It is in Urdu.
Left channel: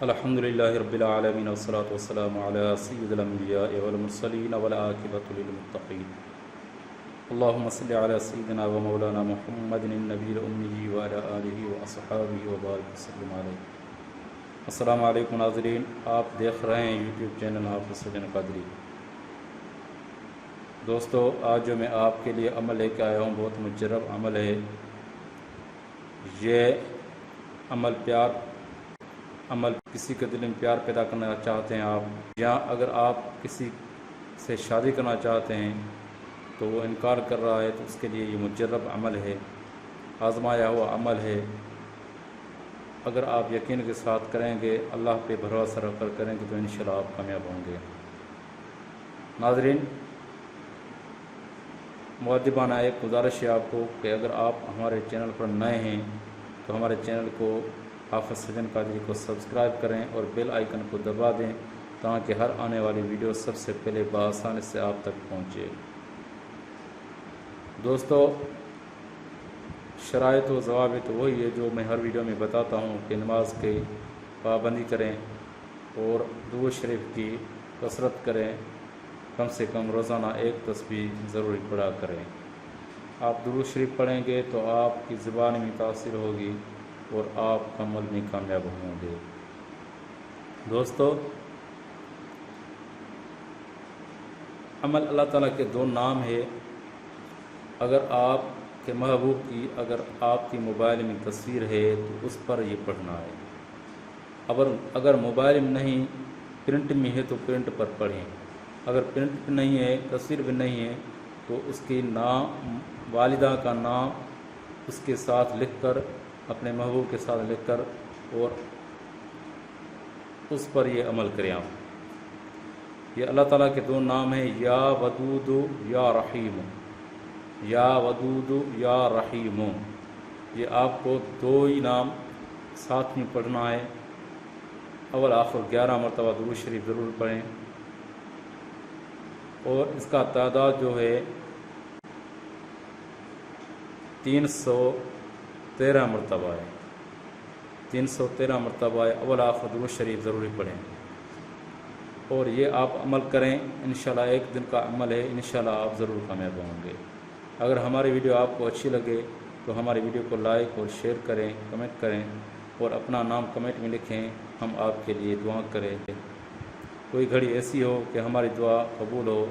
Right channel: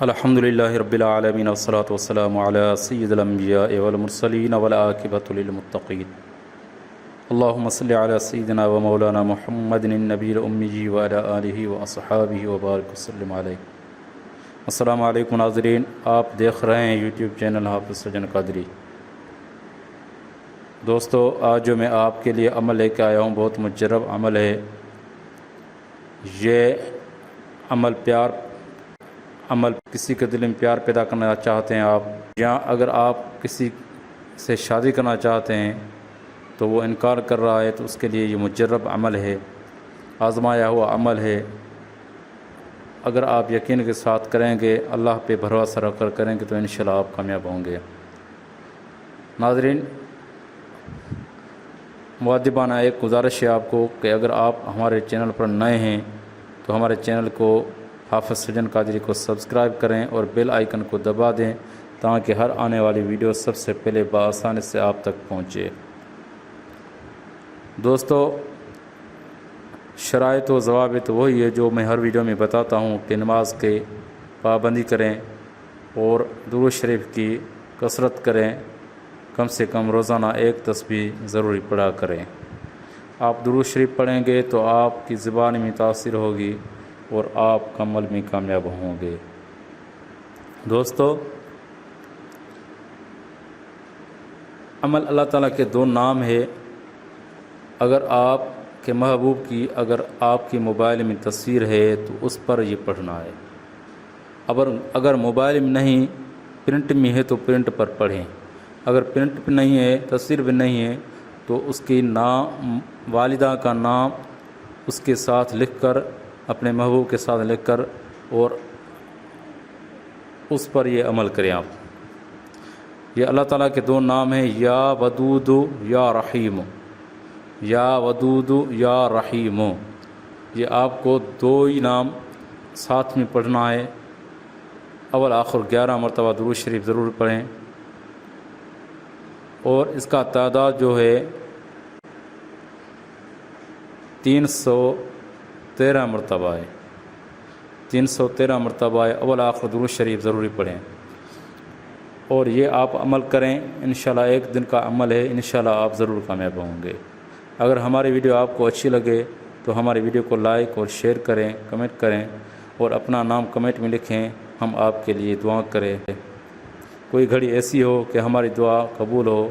الحمد لله رب العالمين والصلاة والسلام على سيد الأنبياء والمرسلين والعاقبة للمتقين اللهم صل على سيدنا ومولانا محمد النبي الأمي وعلى آله وأصحابه وبارك وسلم عليه۔ السلام علیکم ناظرین، آپ دیکھ رہے ہیں یوٹیوب چینل حافظ سجن قادری۔ دوستو، آج جو میں آپ کے لیے عمل لے کے آیا ہوں بہت مجرب عمل ہے۔ یہ عمل کسی کے دل میں پیار پیدا کرنا چاہتے ہیں آپ، یا اگر آپ کسی سے شادی کرنا چاہتے ہیں تو وہ انکار کر رہا ہے تو اس کے لیے یہ مجرب عمل ہے، آزمایا ہوا عمل ہے۔ اگر آپ یقین کے ساتھ کریں گے، اللہ پہ بھروسہ رکھ کر کریں گے تو انشاءاللہ آپ کامیاب ہوں گے۔ ناظرین، مؤدبانہ ایک گزارش ہے آپ کو کہ اگر آپ ہمارے چینل پر نئے ہیں تو ہمارے چینل کو حافظ سجن قادری کو سبسکرائب کریں اور بیل آئیکن کو دبا دیں تاکہ ہر آنے والی ویڈیو سب سے پہلے بآسانی سے آپ تک پہنچے۔ دوستو، شرائط و ضوابط وہی ہے جو میں ہر ویڈیو میں بتاتا ہوں کہ نماز کے پابندی کریں اور درود شریف کی کثرت کریں، کم سے کم روزانہ ایک تسبیح ضروری پڑھا کریں۔ آپ درود شریف پڑھیں گے تو آپ کی زبان میں تاثیر ہوگی اور آپ عمل میں کامیاب ہوں گے۔ دوستو، عمل اللہ تعالیٰ کے دو نام ہے۔ اگر آپ کے محبوب کی اگر آپ کی موبائل میں تصویر ہے تو اس پر یہ پڑھنا ہے۔ اگر موبائل میں نہیں، پرنٹ میں ہے تو پرنٹ پر پڑھیں۔ اگر پرنٹ پہ نہیں ہے، تصویر بھی نہیں ہے تو اس کی نام، والدہ کا نام اس کے ساتھ لکھ کر، اپنے محبوب کے ساتھ لکھ کر، اور اس پر یہ عمل کریں آپ۔ یہ اللہ تعالیٰ کے دو نام ہیں، یا ودود یا رحیم، یا ودود یا رحیم۔ یہ آپ کو دو ہی نام ساتھ میں پڑھنا ہے۔ اول آخر 11 مرتبہ درود شریف ضرور پڑھیں، اور اس کا تعداد جو ہے 313 مرتبہ ہے۔ 313 مرتبہ ہے۔ اول آخر درود شریف ضروری پڑھیں، اور یہ آپ عمل کریں، انشاءاللہ ایک دن کا عمل ہے، انشاءاللہ آپ ضرور کامیاب ہوں گے۔ اگر ہماری ویڈیو آپ کو اچھی لگے تو ہماری ویڈیو کو لائک اور شیئر کریں، کمنٹ کریں، اور اپنا نام کمنٹ میں لکھیں، ہم آپ کے لیے دعا کریں۔ کوئی گھڑی ایسی ہو کہ ہماری دعا قبول ہو